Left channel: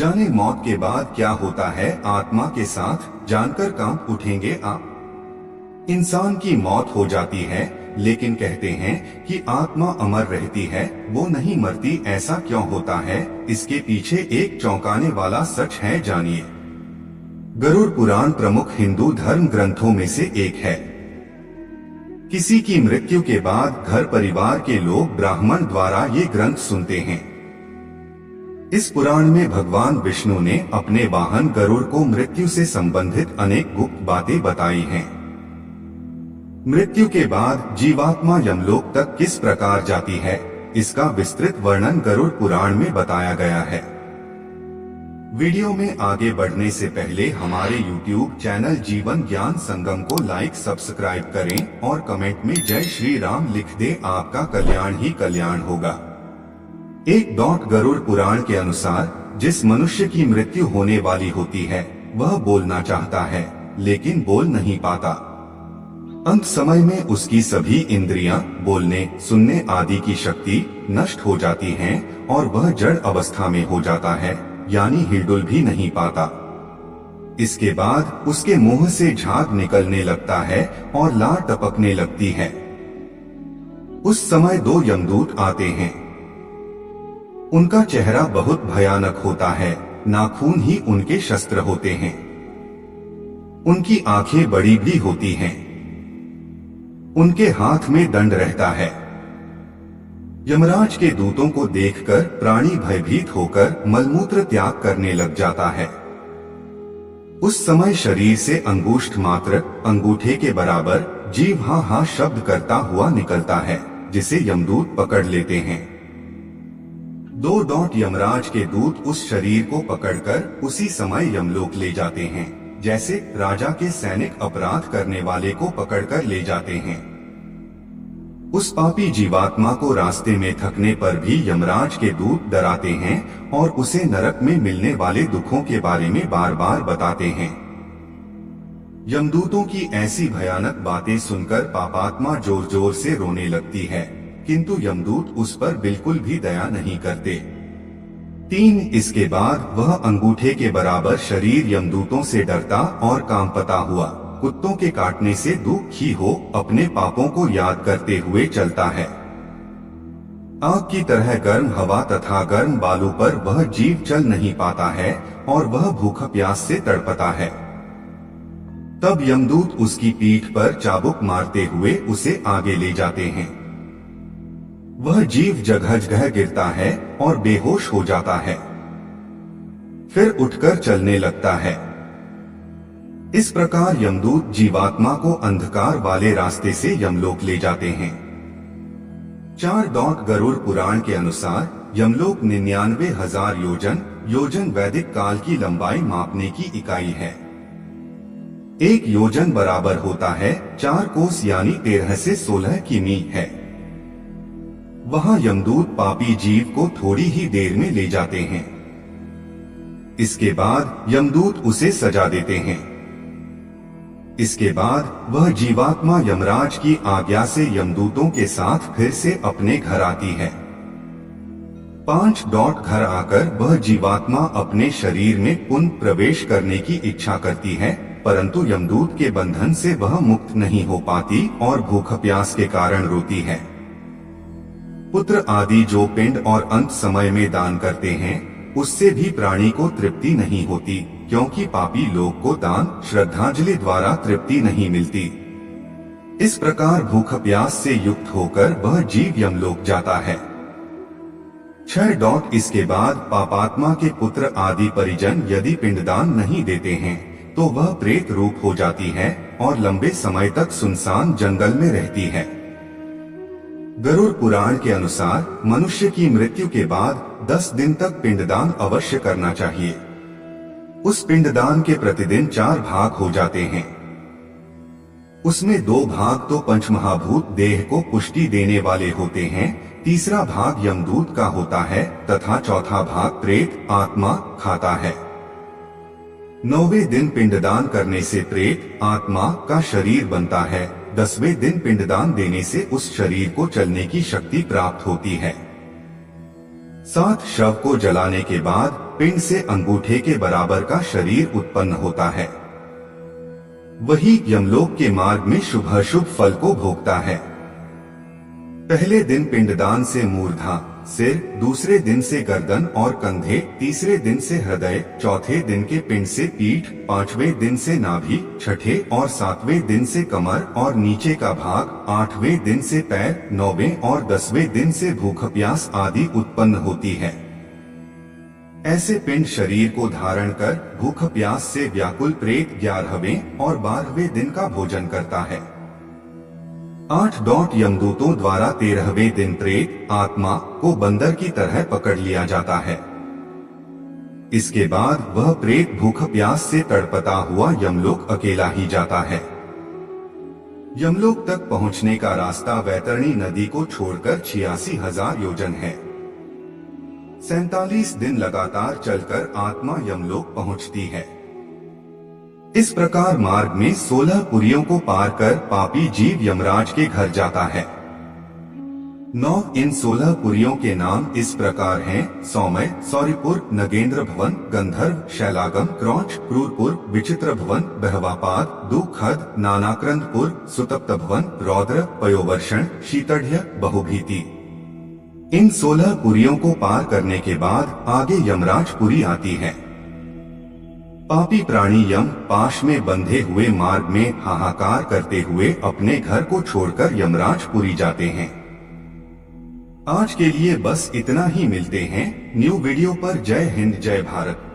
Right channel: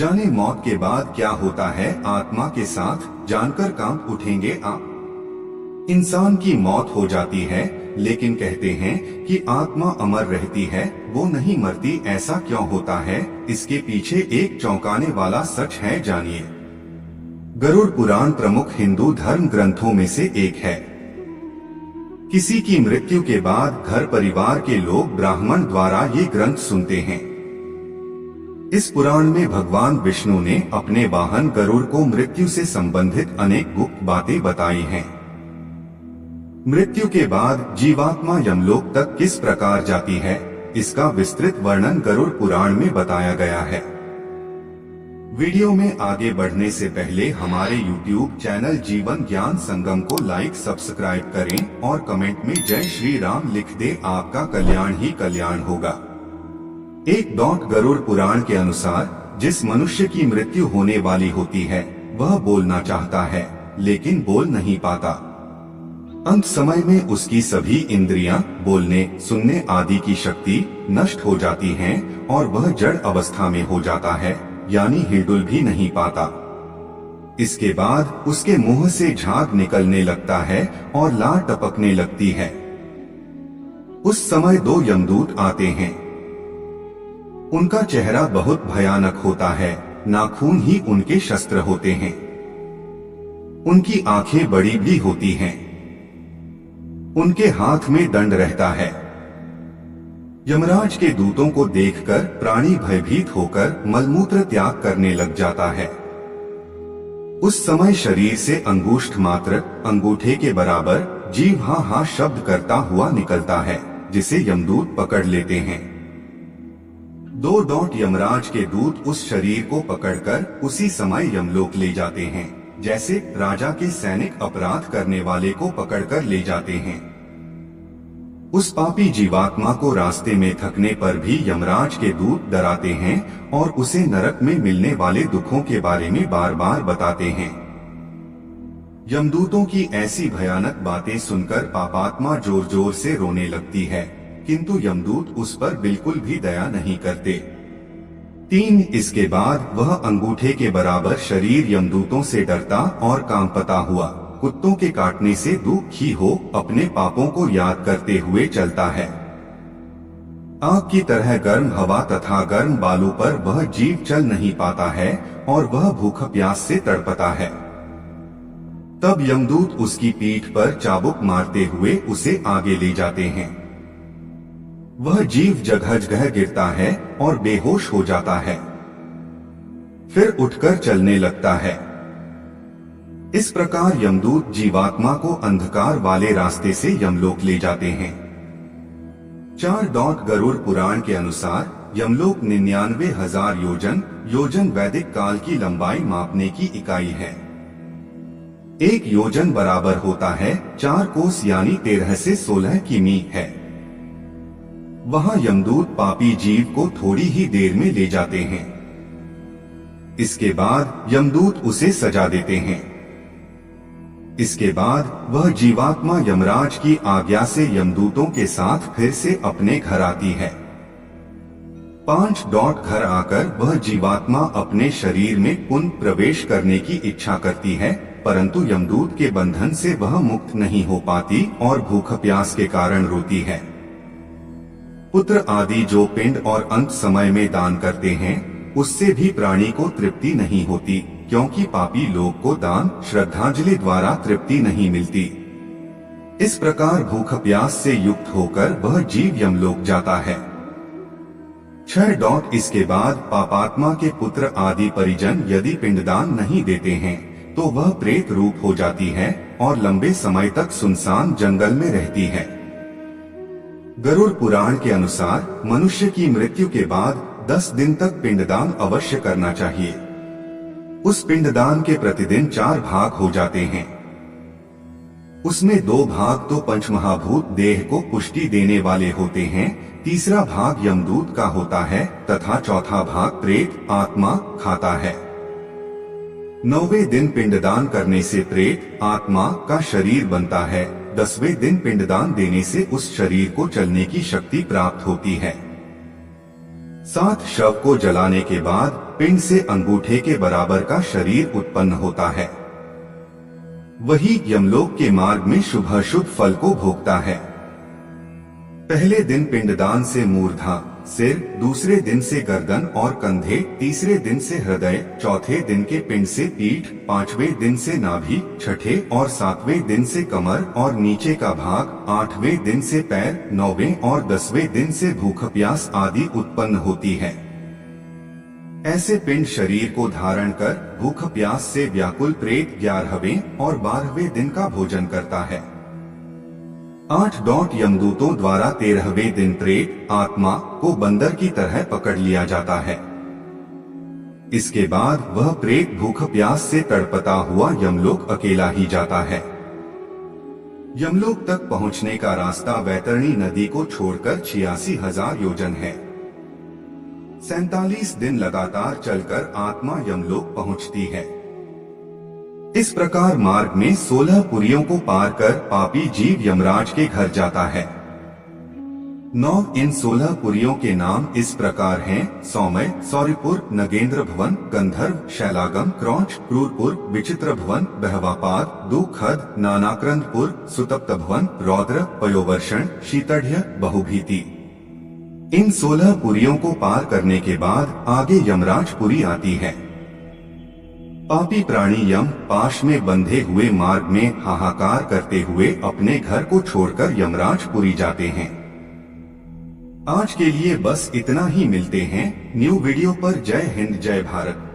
जाने मौत के बाद क्या होता है आत्मा के साथ, जानकर कांप उठेंगे आप। इंसान की मौत हो जाती है, लेकिन कहते हैं कि आत्मा अमर रहती है, वो नहीं मरती। ऐसा क्यों होता है? इसके पीछे एक चौंकाने वाला सच है, जानिए। गरुड़ पुराण प्रमुख हिंदू धर्म ग्रंथों में से एक है। किसी की मृत्यु के बाद घर परिवार के लोग ब्राह्मण द्वारा ये ग्रंथ सुनते हैं। इस पुराण में भगवान विष्णु ने अपने वाहन गरुड़ को मृत्यु से संबंधित अनेक गुप्त बातें बताई हैं। मृत्यु के बाद जीवात्मा यमलोक तक किस प्रकार जाती है, इसका विस्तृत वर्णन गरुड़ पुराण में बताया गया है। वीडियो में आगे बढ़ने से पहले हमारे YouTube चैनल जीवन ज्ञान संगम को लाइक सब्सक्राइब करें और कमेंट में जय श्री राम लिख दे। आपका कल्याण ही कल्याण होगा। गरुड़ पुराण के अनुसार जिस मनुष्य की मृत्यु होने वाली होती है वह बोलना चाहता है, लेकिन बोल नहीं पाता। अंत समय में उसकी सभी इंद्रियां, बोलने सुनने आदि की शक्ति नष्ट हो जाती हैं और वह जड़ अवस्था में हो जाता है, यानी हिलडुल भी नहीं पाता। इसके बाद उसके मुंह से झाग निकलने लगता है और लार टपकने लगती है। उस समय 2 यमदूत आते हैं। उनका चेहरा बहुत भयानक होता है, नाखून ही उनके शस्त्र होते हैं। उनकी आंखें बड़ी भी होती हैं। उनके हाथ में दंड रहता है। यमराज के दूतों को देखकर प्राणी भयभीत होकर मलमूत्र त्याग करने लग जाता है। उस समय शरीर से अंगुष्ठ मात्र, अंगूठे के बराबर जीव हा हा शब्द करता हुआ निकलता है, जिसे यमदूत पकड़ लेते हैं। 2 यमराज के दूत उस शरीर को पकड़कर उसी समय यमलोक ले जाते हैं, जैसे राजा के सैनिक अपराध करने वाले को पकड़कर ले जाते हैं। उस पापी जीवात्मा को रास्ते में थकने पर भी यमराज के दूत डराते हैं और उसे नरक में मिलने वाले दुखों के बारे में बार बार बताते हैं। यमदूतों की ऐसी भयानक बातें सुनकर पापात्मा जोर जोर से रोने लगती है, किंतु यमदूत उस पर बिल्कुल भी दया नहीं करते। 3 इसके बाद वह अंगूठे के बराबर शरीर यमदूतों से डरता और कांपता हुआ, कुत्तों के काटने से दुखी हो अपने पापों को याद करते हुए चलता है। आग की तरह गर्म हवा तथा गर्म बालू पर वह जीव चल नहीं पाता है और वह भूख प्यास से तड़पता है। तब यमदूत उसकी पीठ पर चाबुक मारते हुए उसे आगे ले जाते हैं। वह जीव जगह जगह गिरता है और बेहोश हो जाता है, फिर उठकर चलने लगता है। इस प्रकार यमदूत जीवात्मा को अंधकार वाले रास्ते से यमलोक ले जाते हैं। 4 गरुड़ पुराण के अनुसार यमलोक 99,000 योजन वैदिक काल की लंबाई मापने की इकाई है। 1 योजन बराबर होता है 4 कोस यानी 13 से 16 किमी है। वहां यमदूत पापी जीव को थोड़ी ही देर में ले जाते हैं। इसके बाद यमदूत उसे सजा देते हैं। इसके बाद वह जीवात्मा यमराज की आज्ञा से यमदूतों के साथ फिर से अपने घर आती है। 5 घर आकर वह जीवात्मा अपने शरीर में पुनः प्रवेश करने की इच्छा करती है, परंतु यमदूत के बंधन से वह मुक्त नहीं हो पाती और भूख प्यास के कारण रोती है। पुत्र आदि जो पिंड और अंत समय में दान करते हैं, उससे भी प्राणी को तृप्ति नहीं होती, क्योंकि पापी लोग को दान श्रद्धांजलि द्वारा तृप्ति नहीं मिलती। इस प्रकार भूख प्यास से युक्त होकर वह जीव यमलोक जाता है। 6 इसके बाद पापात्मा के पुत्र आदि परिजन यदि पिंडदान नहीं देते हैं तो वह प्रेत रूप हो जाती है और लंबे समय तक सुनसान जंगल में रहती है। गरुड़ पुराण के अनुसार मनुष्य की मृत्यु के बाद 10 दिन तक पिंडदान अवश्य करना चाहिए। उस पिंडदान के प्रतिदिन 4 भाग हो जाते हैं। उसमें 2 भाग तो पंचमहाभूत देह को पुष्टि देने वाले होते हैं, तीसरा भाग यमदूत का होता है तथा चौथा भाग प्रेत आत्मा खाता है। 9वें दिन पिंडदान करने से प्रेत आत्मा का शरीर बनता है। 10वें दिन पिंडदान देने से उस शरीर को चलने की शक्ति प्राप्त होती है। 7 शव को जलाने के बाद पिंड से अंगूठे के बराबर का शरीर उत्पन्न होता है। वही यमलोक के मार्ग में शुभ फल को भोगता है। पहले दिन पिंडदान से मूर्धा सिर, दूसरे दिन से गर्दन और कंधे, तीसरे दिन से हृदय, चौथे दिन के पिंड से पीठ, 5वें दिन से नाभि, छठे और 7वें दिन से कमर और नीचे का भाग, 8वें दिन से पैर, 9वें और 10वें दिन से भूख प्यास आदि उत्पन्न होती है। ऐसे पिंड शरीर को धारण कर भूख प्यास से व्याकुल प्रेत 11वें और 12वें दिन का भोजन करता है। 8 यमदूतों द्वारा 13वें दिन प्रेत आत्मा को बंदर की तरह पकड़ लिया जाता है। इसके बाद वह प्रेत भूख प्यास से तड़पता हुआ यमलोक अकेला ही जाता है। यमलोक तक पहुंचने का रास्ता वैतरणी नदी को छोड़कर 86,000 योजन है। 47 दिन लगातार चलकर आत्मा यमलोक पहुंचती है। इस प्रकार मार्ग में 16 पुरियों को पार कर पापी जीव यमराज के घर जाता है। 9 इन 16 पुरियों के नाम इस प्रकार हैं: सौम्य, सौरिपुर, नगेंद्र भवन, गंधर्व, शैलागम, क्रौंच, क्रूरपुर, विचित्र भवन, बहवापाद, दुखद, नानाक्रंदपुर, सुतप्त भवन, रौद्र, पयोवर्षण, शीतढ़, बहुभीति। इन 16 पुरियों को पार करने के बाद आगे यमराज पुरी आती है। पापी प्राणी यम पाश में बंधे हुए मार्ग में हाहाकार करते हुए अपने घर को छोड़कर यमराज पुरी जाते हैं। आज के लिए बस इतना ही। मिलते हैं न्यू वीडियो पर। जय हिंद, जय भारत।